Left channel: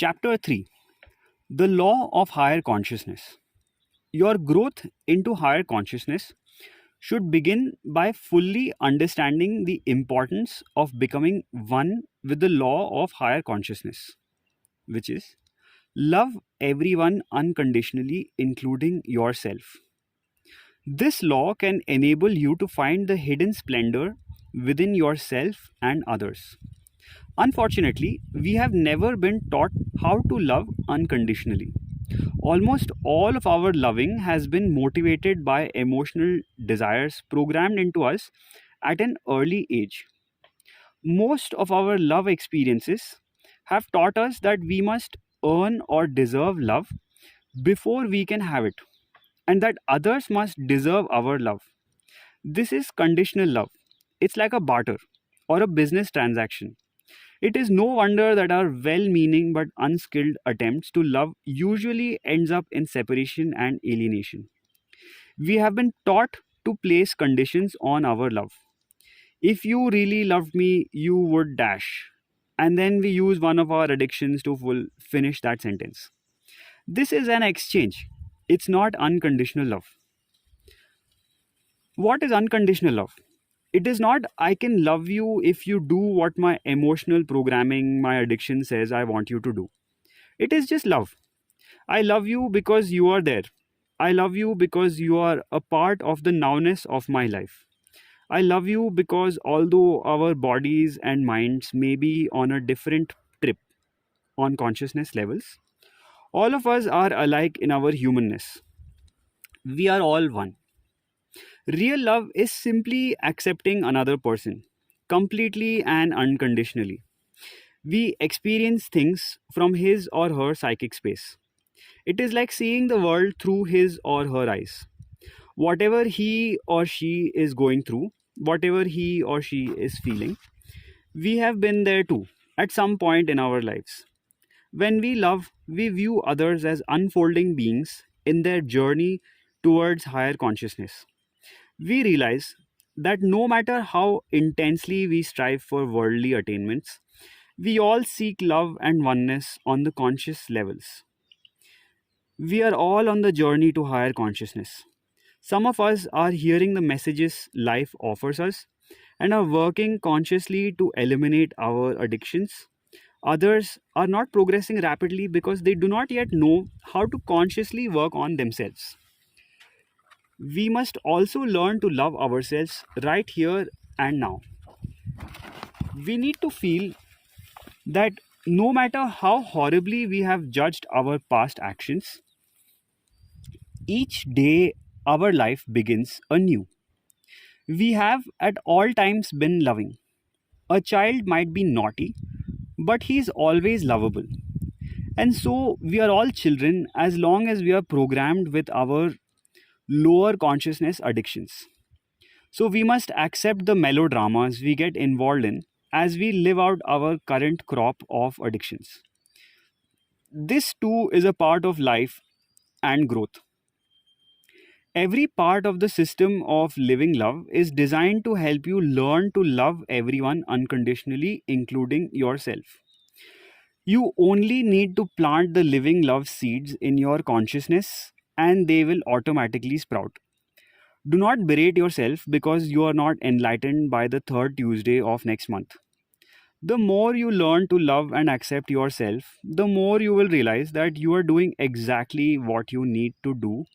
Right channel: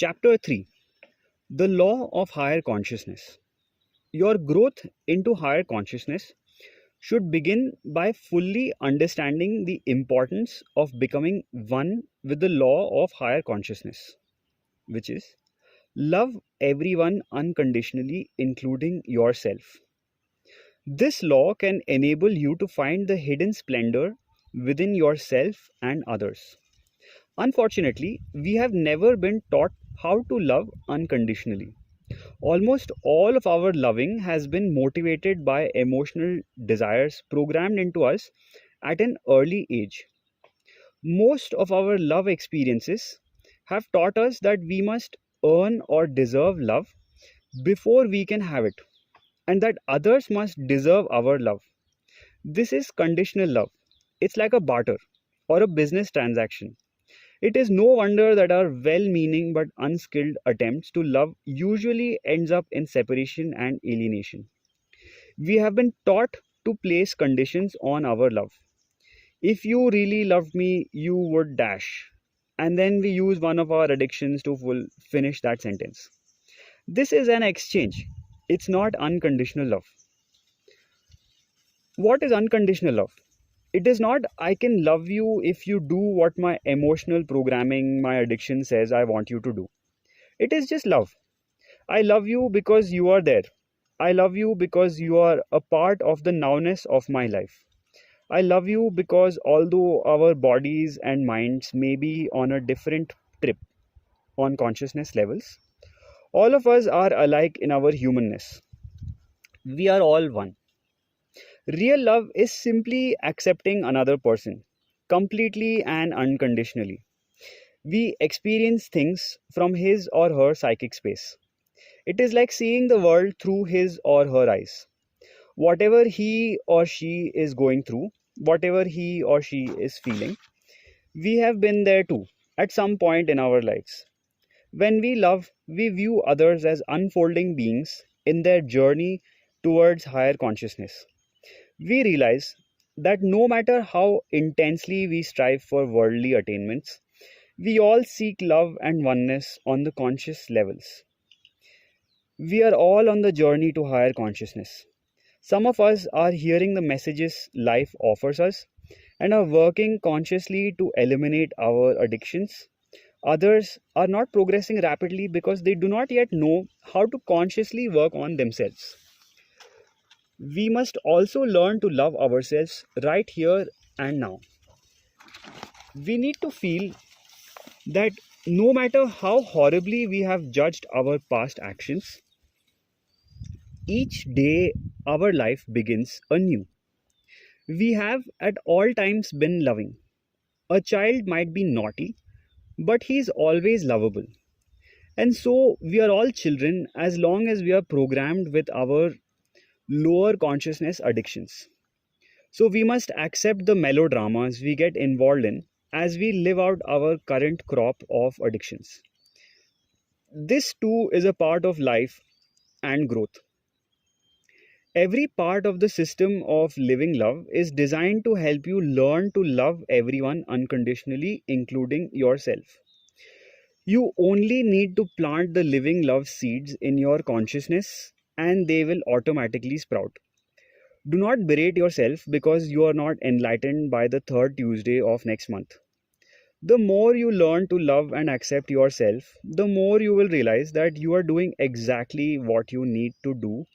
Chapter 3: The Law of Higher Consciousness. Your growth into higher consciousness should begin by fully understanding the importance of becoming one with the law of higher consciousness, which is love everyone unconditionally, including yourself. This law can enable you to find the hidden splendor within yourself and others. Unfortunately, we have never been taught how to love unconditionally. Almost all of our loving has been motivated by emotional desires programmed into us at an early age. Most of our love experiences have taught us that we must earn or deserve love before we can have it, and that others must deserve our love. This is conditional love. It's like a barter or a business transaction. It is no wonder that our well-meaning but unskilled attempts to love usually ends up in separation and alienation. We have been taught to place conditions on our love. If you really loved me, you would dash. And then we use one of our addictions to finish that sentence. This is an exchange. It's not unconditional love. What is unconditional love? It is not I can love you if you do what my emotional programming, my addiction says I want you to do. It is just love. I love you because you are there. I love you because you are a part of the nowness of my life. I love you because although our bodies and minds may be on a different trip on consciousness levels, all of us are alike in our humanness. We are all one. Real love is simply accepting another person completely and unconditionally. We experience things from his or her psychic space. It is like seeing the world through his or her eyes. Whatever he or she is going through, whatever he or she is feeling, we have been there too at some point in our lives. When we love, we view others as unfolding beings in their journey towards higher consciousness. We realize that no matter how intensely we strive for worldly attainments, we all seek love and oneness on the conscious levels. We are all on the journey to higher consciousness. Some of us are hearing the messages life offers us and are working consciously to eliminate our addictions. Others are not progressing rapidly because they do not yet know how to consciously work on themselves. We must also learn to love ourselves right here and now. We need to feel that no matter how horribly we have judged our past actions, each day our life begins anew. We have at all times been loving. A child might be naughty, but he is always lovable. And so we are all children as long as we are programmed with our lower consciousness addictions. So we must accept the melodramas we get involved in as we live out our current crop of addictions. This too is a part of life and growth. Every part of the system of living love is designed to help you learn to love everyone unconditionally, including yourself. You only need to plant the living love seeds in your consciousness and they will automatically sprout. Do not berate yourself because you are not enlightened by the third Tuesday of next month. The more you learn to love and accept yourself, the more you will realize that you are doing exactly what you need to do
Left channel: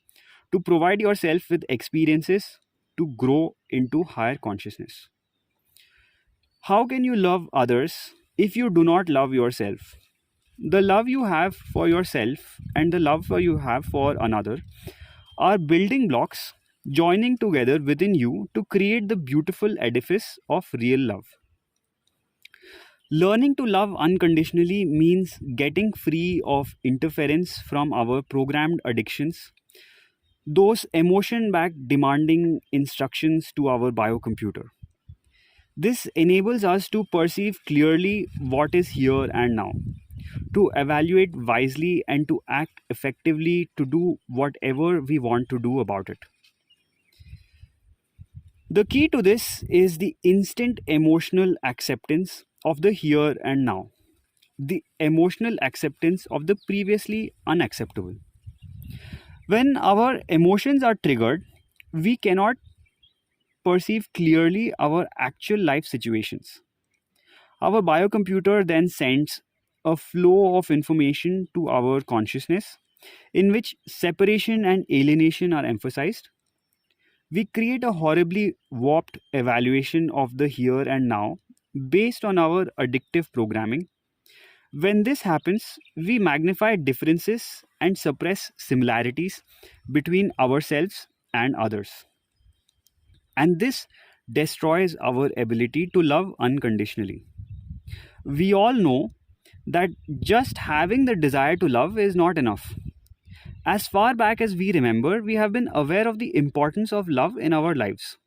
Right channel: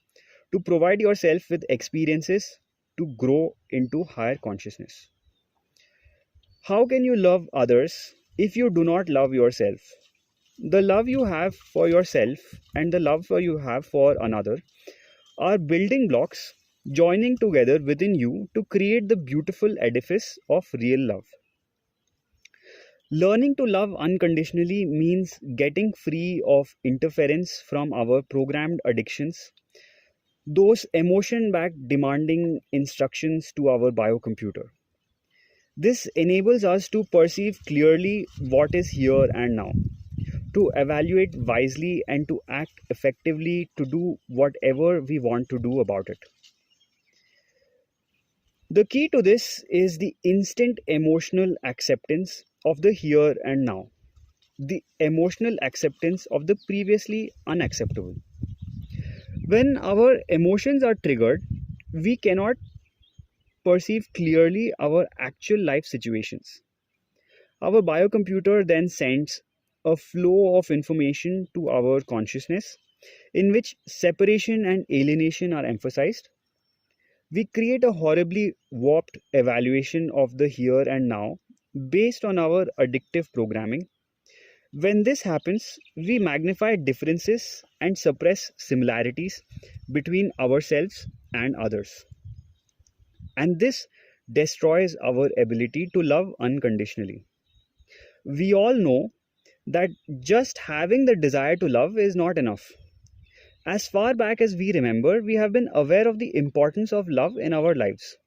to provide yourself with experiences to grow into higher consciousness. How can you love others if you do not love yourself? The love you have for yourself and the love you have for another are building blocks joining together within you to create the beautiful edifice of real love. Learning to love unconditionally means getting free of interference from our programmed addictions, those emotion backed demanding instructions to our biocomputer. This enables us to perceive clearly what is here and now, to evaluate wisely, and to act effectively to do whatever we want to do about it. The key to this is the instant emotional acceptance of the here and now. the emotional acceptance of the previously unacceptable. When our emotions are triggered, we cannot perceive clearly our actual life situations. Our biocomputer then sends a flow of information to our consciousness in which separation and alienation are emphasized. We create a horribly warped evaluation of the here and now based on our addictive programming. When this happens, we magnify differences and suppress similarities between ourselves and others. And this destroys our ability to love unconditionally. We all know that just having the desire to love is not enough. As far back as we remember, we have been aware of the importance of love in our lives.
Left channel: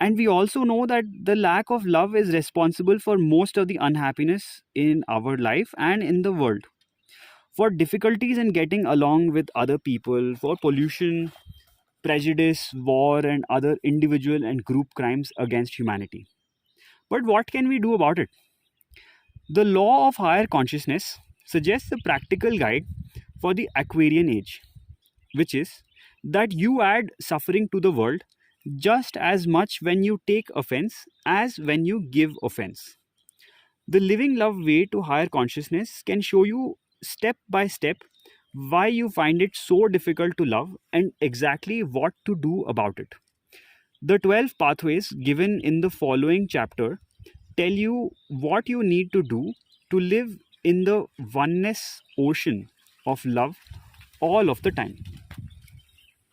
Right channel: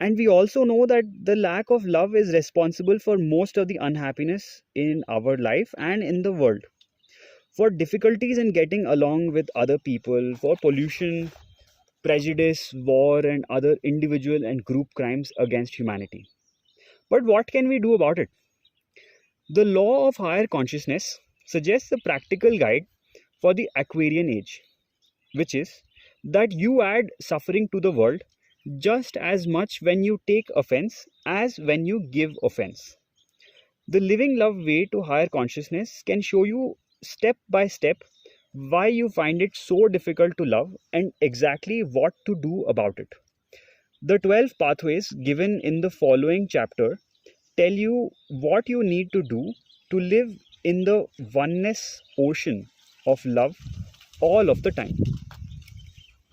And we also know that the lack of love is responsible for most of the unhappiness in our life and in the world. For difficulties in getting along with other people, for pollution, prejudice, war, and other individual and group crimes against humanity. But what can we do about it? The law of higher consciousness suggests a practical guide for the Aquarian age, which is that you add suffering to the world just as much when you take offense as when you give offense. The living love way to higher consciousness can show you step by step why you find it so difficult to love and exactly what to do about it. The 12 pathways given in the following chapter tell you what you need to do to live in the oneness ocean of love all of the time.